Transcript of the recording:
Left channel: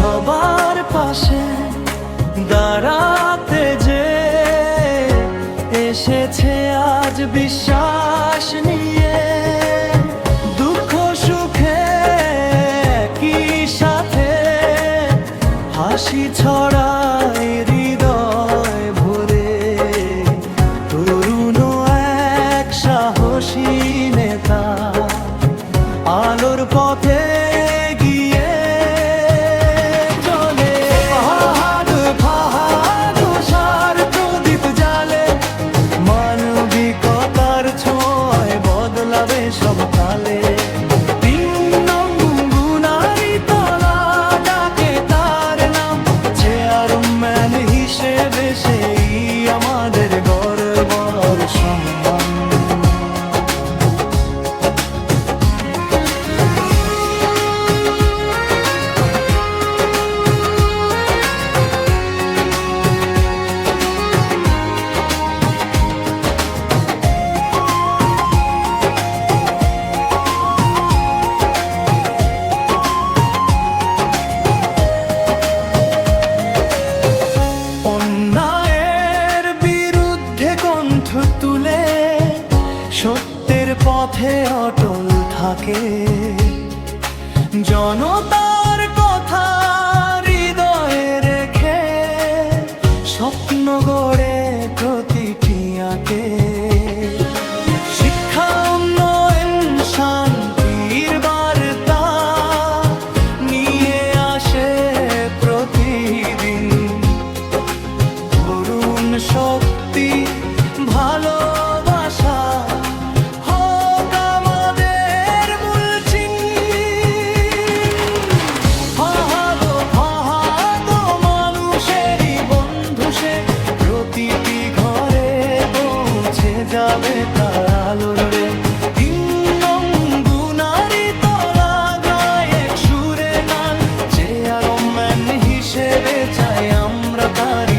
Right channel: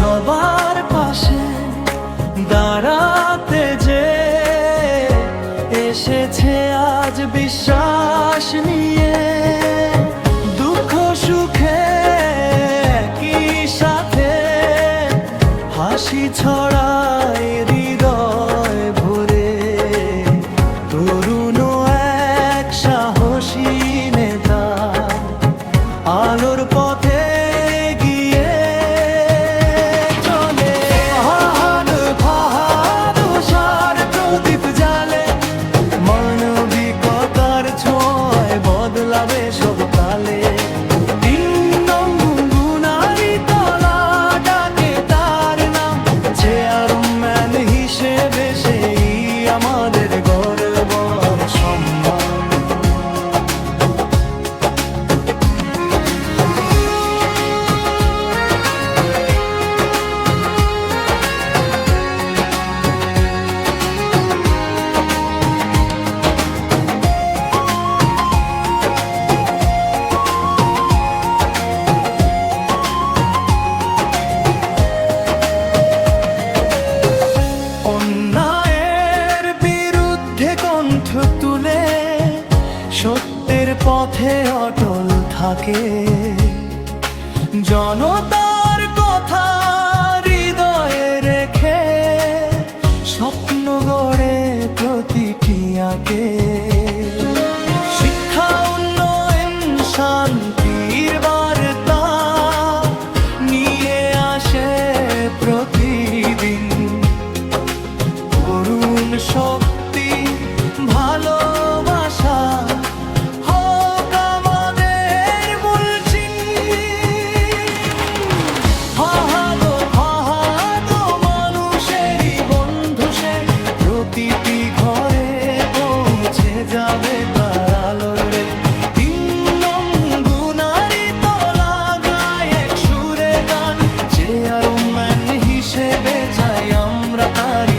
সবার পাশে দাঁড়াতে যে এসেছে আজ বিশ্বাস নিয়ে, দুঃখ সুখে কি সাথে হাসি ছড়ায় হৃদয় ভরে। তরুণ এক সাহসী নেতা আলোর পথে গিয়ে চলে। ফাহাদ ফাহাদ সার প্রদীপ জালে, মানবিকতার ছোঁয়ায় বদলাবে সব কালে। তিন নং গুনারি তলা ডাকে তার নাম, চেয়ারম্যান হিসেবে সেই আমাদের গর্ব আর সম্মান। অন্যায়ের বিরুদ্ধে কণ্ঠ তুলে সত্যের পথে অটল থাকে। জনতার কথা হৃদয়ে রেখে স্বপ্ন গড়ে প্রতিটি আঁকে। শিক্ষা উন্নয়ন শান্তির বার্তা নিয়ে আসে প্রতিদিন। করুণ শক্তি ভালোবাসা হোক আমাদের মূল চিহ্ন। ফাহাদ ফাহাদ মানুষেরই বন্ধু সে, প্রতিটি ঘরে পৌঁছে যাবে তার আলোর রে। তিন নং গুনারি তলা গায় এক সুরে গান, চেয়ারম্যান হিসেবে চাই আমরা তার